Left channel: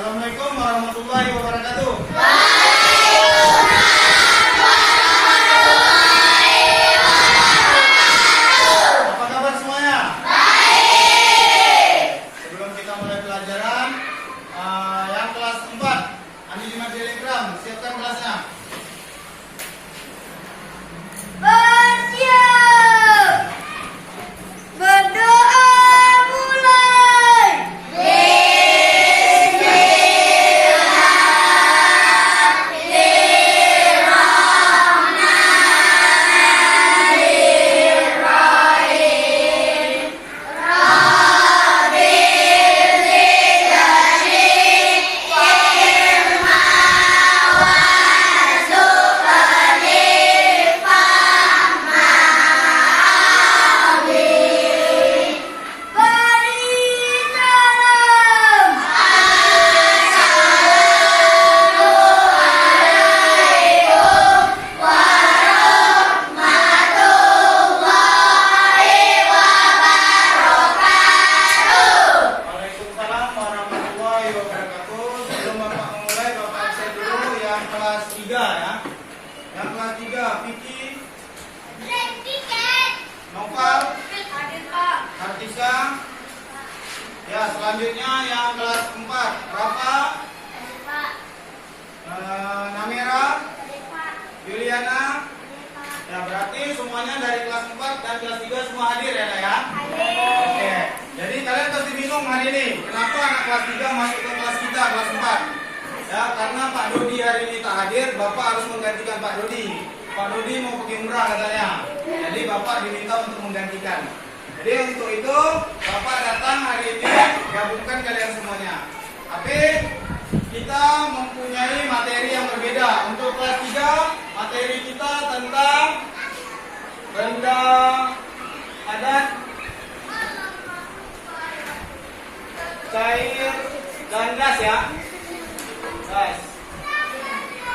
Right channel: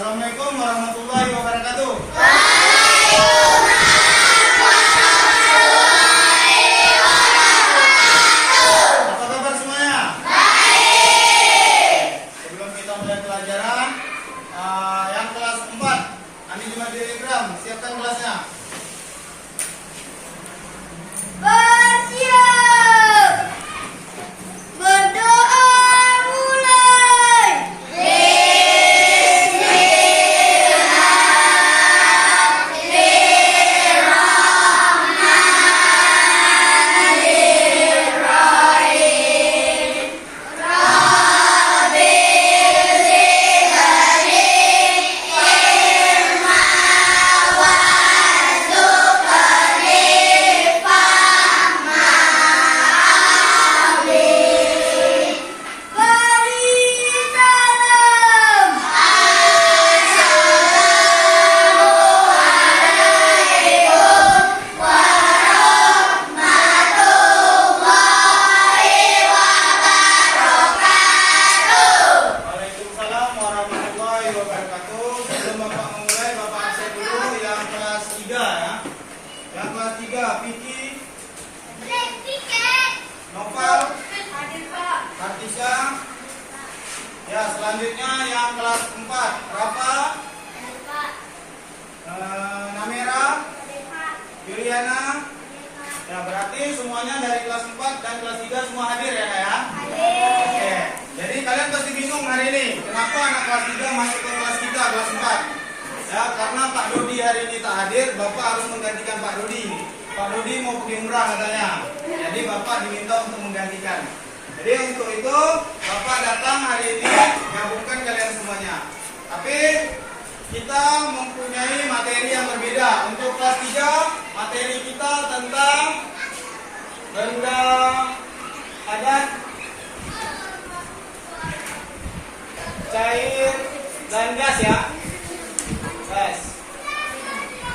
Assalamualaikum warahmatullahi wabarakatuh. Apa kabar semuanya? Baik. Sebelum kita mulai pelajaran, yang kelas 4, Andi di Telegram, siapkan kelasnya. Bersiap. Berdoa mulai. Waalaikumsalam warahmatullahi wabarakatuh. Sebelum Bapak memulai, Bapak absen dulu yang kelas 3 ya. Yang kelas 3, Vicky, Noval, Kartika. Ya, selanjutnya yang kelas 4, Rafa, Namera, Juliana. Ya, berarti semuanya dari kelas 4 dan kelas 3 semua hadir ya, Kak, ya? Oke. Jadi kalian pasti bingung hari ini, kenapa anak kelas 3 masuk ke kelas kita, kelas 4? Ya, karena Pak Dodi hari ini tak hadir, Bapak harus menggantikan Pak Dodi. Pak Dodi mau pergi umrah katanya. Jadi Bapak diminta untuk menggantikan. Jadi untuk itu Bapak datang hari ini gabungkan kalian semuanya. Tapi kita mempunyai materi yang berbeda. Untuk kelas 3 materi kita tentang benda padat, cair, dan gas ya. Guys,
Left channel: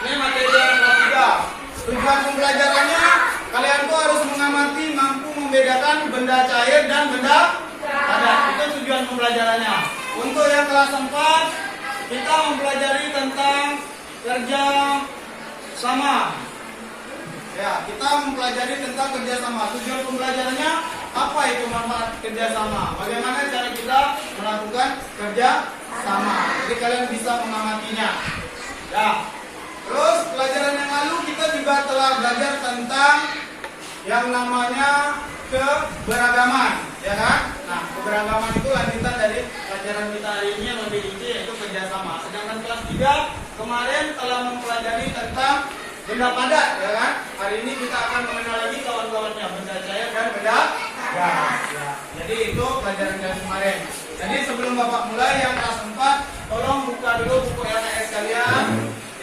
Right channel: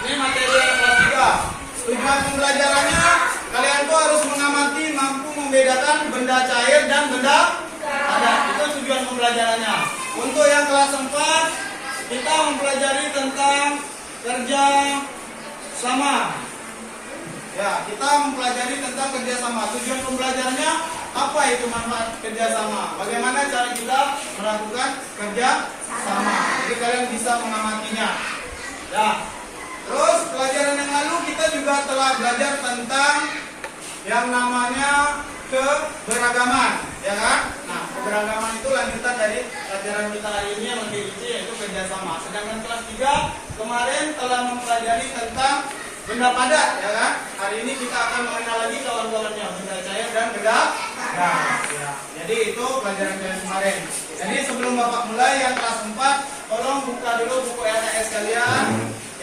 ini materi yang kelas 3. Tujuan pembelajarannya kalian tuh harus mengamati, mampu membedakan benda cair dan benda padat. Itu tujuan pembelajarannya. Untuk yang kelas 4 kita mempelajari tentang kerja sama. Ya, kita mempelajari tentang kerjasama. Tujuan pembelajarannya apa itu manfaat kerjasama? Bagaimana cara kita melakukan kerja sama? Jadi kalian bisa mengamatinya. Ya. Terus pelajaran yang lalu kita juga telah belajar tentang yang namanya keberagaman, ya kan? Nah, keberagaman itu lanjutan dari pelajaran kita hari ini yang lebih inti yaitu kerjasama. Sedangkan kelas 3 kemarin telah mempelajari tentang benda padat, ya kan? Hari ini kita akan mengenal lagi kawan-kawannya, benda cair dan benda gas. Ya. Jadi itu pelajaran dari kemarin. Jadi sebelum Bapak mulai yang kelas 4, tolong buka dulu buku LTS kalian.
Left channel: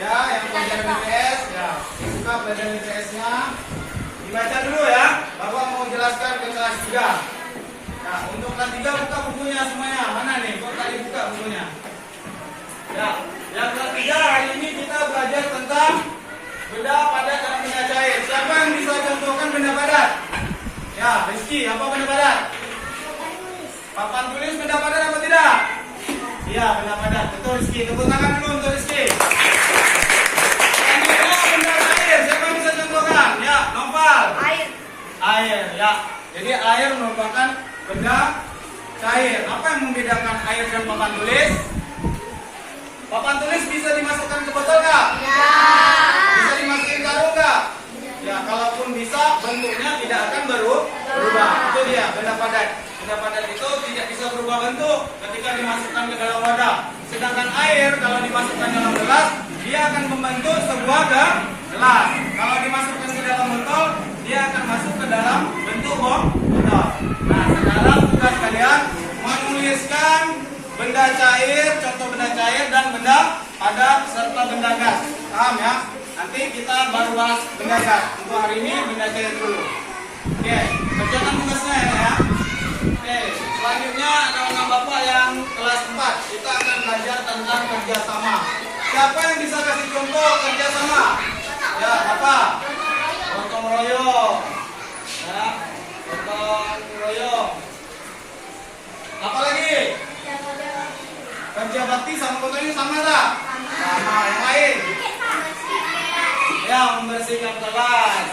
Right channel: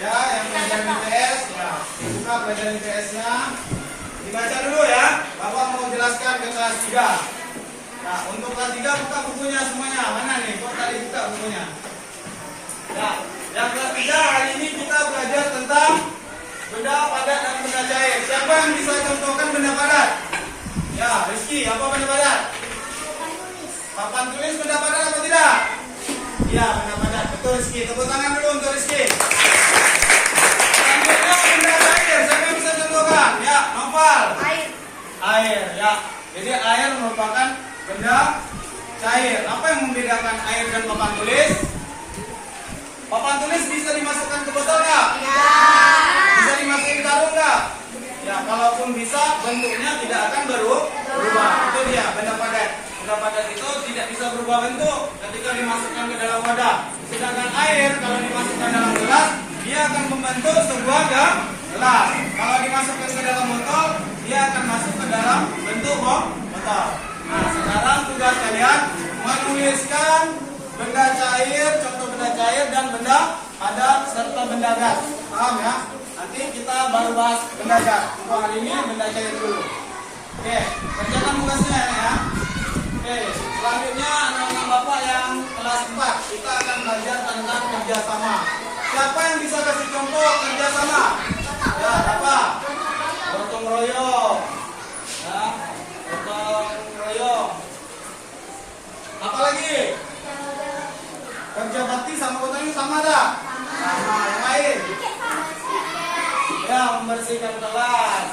Ya, yang pelajaran IPS, ya, buka pelajaran IPS-nya. Dibaca dulu ya. Bapak mau jelaskan ke kelas 3. Nah, untuk kelas 3 buka bukunya semuanya. Mana nih? Kok tadi buka bukunya? Ya, yang kelas 3 hari ini kita belajar tentang benda padat dan benda cair. Siapa yang bisa contohkan benda padat? Ya, Rizky, apa benda padat? Papan tulis benda padat apa tidak? Iya, benda padat. Betul Rizky. Tepuk tangan dulu untuk Rizky. Selanjutnya benda cair. Siapa yang bisa contohkan? Ya, Noval. Air, ya. Jadi air merupakan benda cair. Apa yang membedakan air dan papan tulis? Papan tulis bisa dimasukkan ke botol nggak? Ya. Bisa dimasukin karung nggak? Ya, kalaupun bisa, bentuknya tidak akan berubah. Itu dia benda padat. Benda padat itu tidak bisa berubah bentuk ketika dimasukkan ke dalam wadah. Sedangkan air kalau dimasukkan dalam gelas, dia akan membentuk sebuah gelas. Kalau dimasukkan ke dalam botol, dia akan masuk ke dalam bentuk botol. Nah, sekarang tugas kalian menuliskan benda cair, contoh benda cair dan benda padat serta benda gas. Paham ya? Nanti kita baru bahas benda gas. Untuk hari ini benda cair dulu. Oke, kerjakan tugasnya ya. Oke, selanjutnya anak-anak Bapak yang kelas 4 kita akan belajar tentang kerjasama. Siapa yang bisa kasih contoh kerjasama? Ya, apa? Gotong royong. Ya, gotong royong. Apa lagi? kerja bakti sama gotong royong sama tak? Sama. Yang lain? Ya, membersihkan kelas.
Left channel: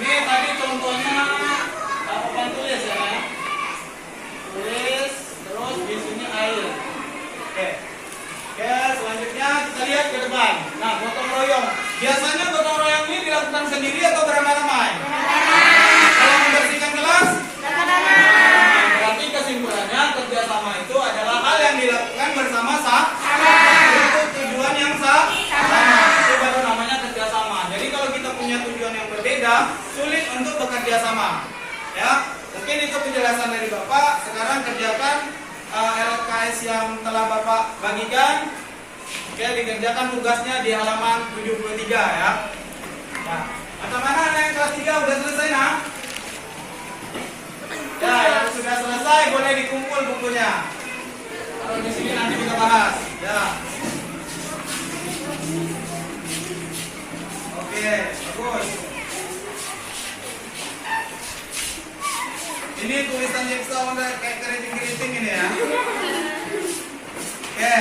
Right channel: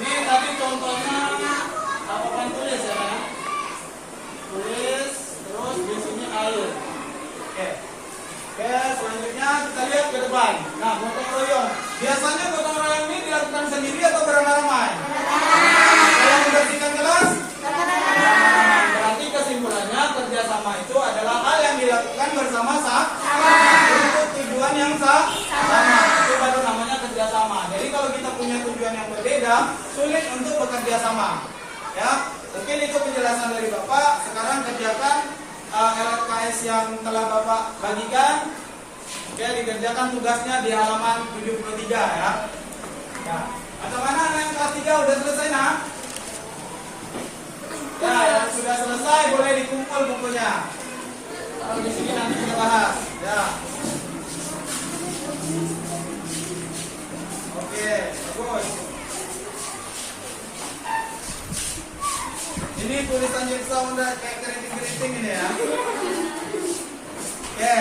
Ini tadi contohnya papan tulis ya kan? Tulis, terus di sini air. Oke. Oke, selanjutnya kita lihat ke depan. Nah, gotong royong. Biasanya gotong royong ini dilakukan sendiri atau beramai-ramai? Kalau membersihkan kelas? Beramai-ramai. Berarti kesimpulannya kerjasama itu adalah hal yang dilakukan bersama-sama untuk tujuan yang sama. Itu baru namanya kerjasama. Jadi kalau kita punya tujuan yang berbeda, sulit untuk bekerja sama. Ya, mungkin itu penjelasan dari Bapak. Sekarang kerjakan LKS yang telah Bapak bagikan. Oke, dikerjakan tugasnya di halaman 73 ya. Nah, macam mana yang kelas 3 udah selesai nah? Ya, yang sudah selesai boleh dikumpul bukunya. Kalau di sini nanti kita bahas. Ya. Oke, bagus. Ini tulisan jigsaw udah kayak keriting-keriting ini ya. Oke.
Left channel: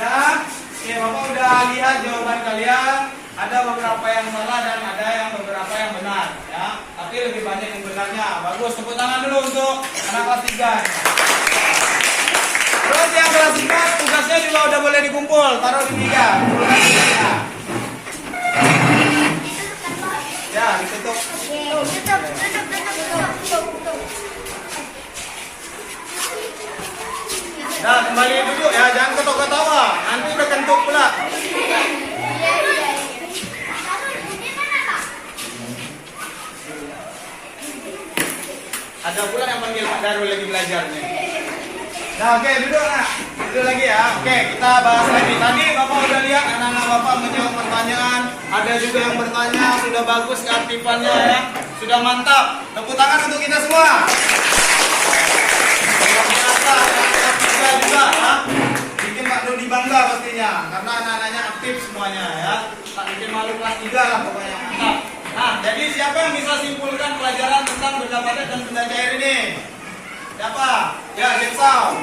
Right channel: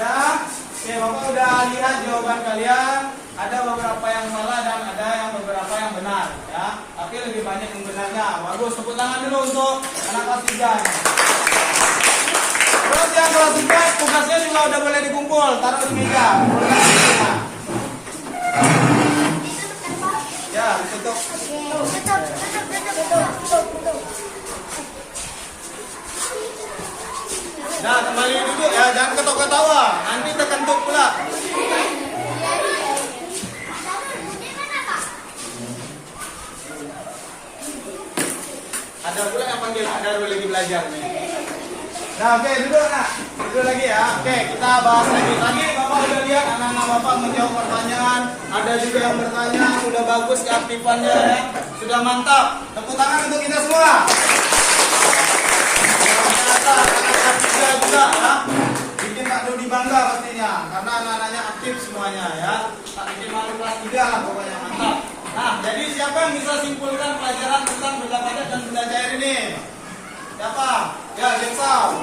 Oke, Bapak udah lihat jawaban kalian. Ada beberapa yang salah dan ada yang beberapa yang benar ya. Tapi lebih banyak yang benarnya. Bagus, tepuk tangan dulu untuk anak kelas 3. Terus yang kelas 4 tugasnya juga udah boleh dikumpul. Taruh di meja. Ya, ditutup. Nah, kembali duduk ya, jangan ketawa-ketawa. Nanti terkentut pula. Ada pula yang panggil Pak Daru lagi belajarnya. Nah, oke, duduk nak. Duduk lagi ya. Oke, kita bahas lagi. Tadi Bapak udah lihat anak-anak Bapak menjawab pertanyaan. Ada juga yang bertanya, sudah bagus keaktifannya ya. Sudah mantap. Tepuk tangan untuk kita semua. Ternyata anak-anak kita juga ya. Bikin Pak Dodi bangga pastinya. Karena anak-anaknya aktif semuanya ya. Tak bikin malu kelas 3 lah pokoknya, mantap. Nah, jadi siapa yang bisa simpulkan pelajaran tentang benda padat dan benda cair ini? Siapa? Ya, jigsaw.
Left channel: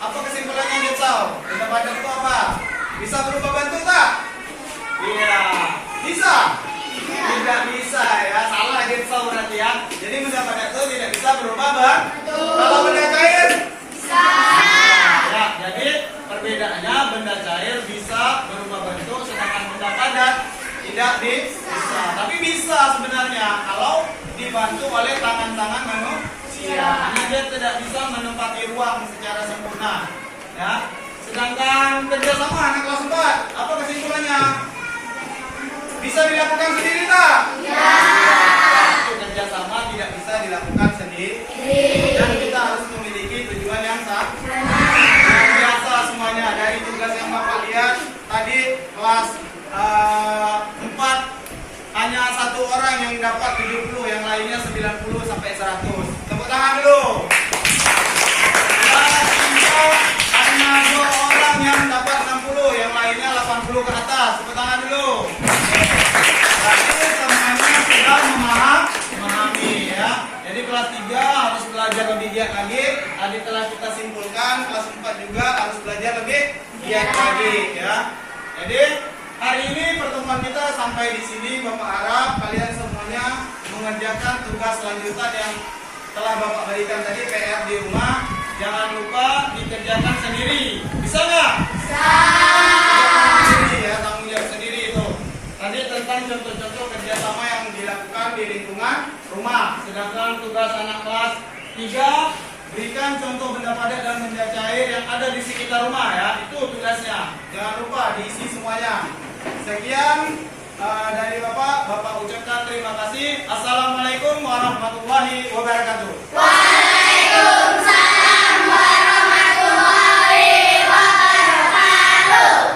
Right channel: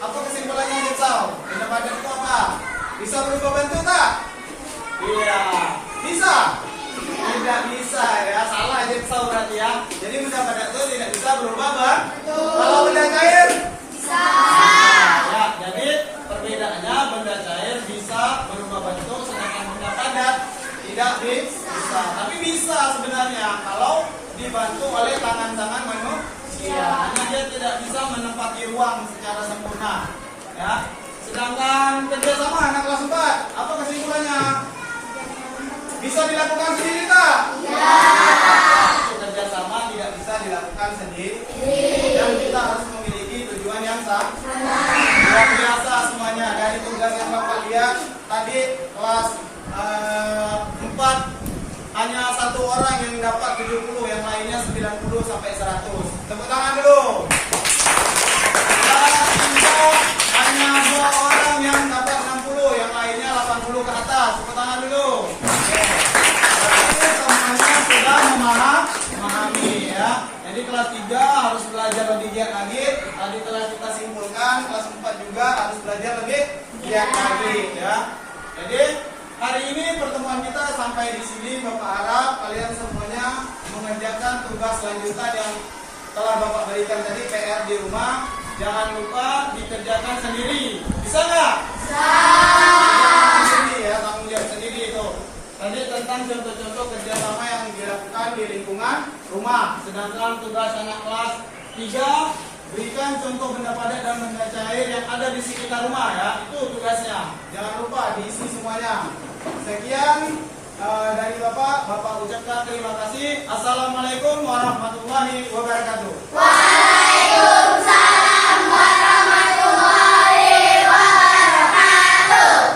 Apa kesimpulannya jigsaw? Benda padat itu apa? Bisa berubah bentuk tak? Iya. Bisa? Tidak bisa ya. Salah jigsaw berarti ya. Jadi benda padat itu tidak bisa berubah bentuk. Kalau benda cair? Bisa. Ya, jadi perbedaannya benda cair bisa berubah bentuk, sedangkan benda padat tidak bisa. Tapi bisa sebenarnya kalau dibantu oleh tangan-tangan manusia. Hanya dia tidak bisa menempati ruang secara sempurna. Ya. Sedangkan kerjasama anak kelas 4, apa kesimpulannya? Bisa dilakukan sendiri tak? Ya. Kerjasama tidak bisa dilakukan sendiri. Dan kita harus memiliki tujuan yang sama. Luar biasa semuanya. Dari tugas yang Bapak lihat tadi kelas 4 hanya satu orang yang dapat 70, yang lainnya 90 sampai 100. Tepuk tangan dulu. Kelas 3 hanya 2 orang yang dapat 60, yang lainnya 80 ke atas. Tepuk tangan dulu. Berarti semuanya sudah memahami ya. Jadi kelas 3 harus belajar lebih giat lagi. Tadi telah kita simpulkan kelas 4 juga harus belajar lebih giat lagi ya. Jadi hari ini pertemuan kita sampai di sini. Bapak harap kalian semuanya mengerjakan tugas lanjutan yang telah Bapak berikan tadi, PR di rumah. Jangan lupa dikerjakan sendiri. Bisa nggak? Bisa. Kerjakan sendiri ya, tanggung jawab sendiri itu. Tadi tentang contoh-contoh kerjasama yang dilakukan di lingkungan rumah. Sedangkan tugas anak kelas 3, berikan contoh benda padat dan benda cair yang ada di sekitar rumah ya. Itu tugasnya. Jangan lupa diisi semuanya. Sekian dari Bapak ucapkan terima kasih. Assalamualaikum warahmatullahi wabarakatuh.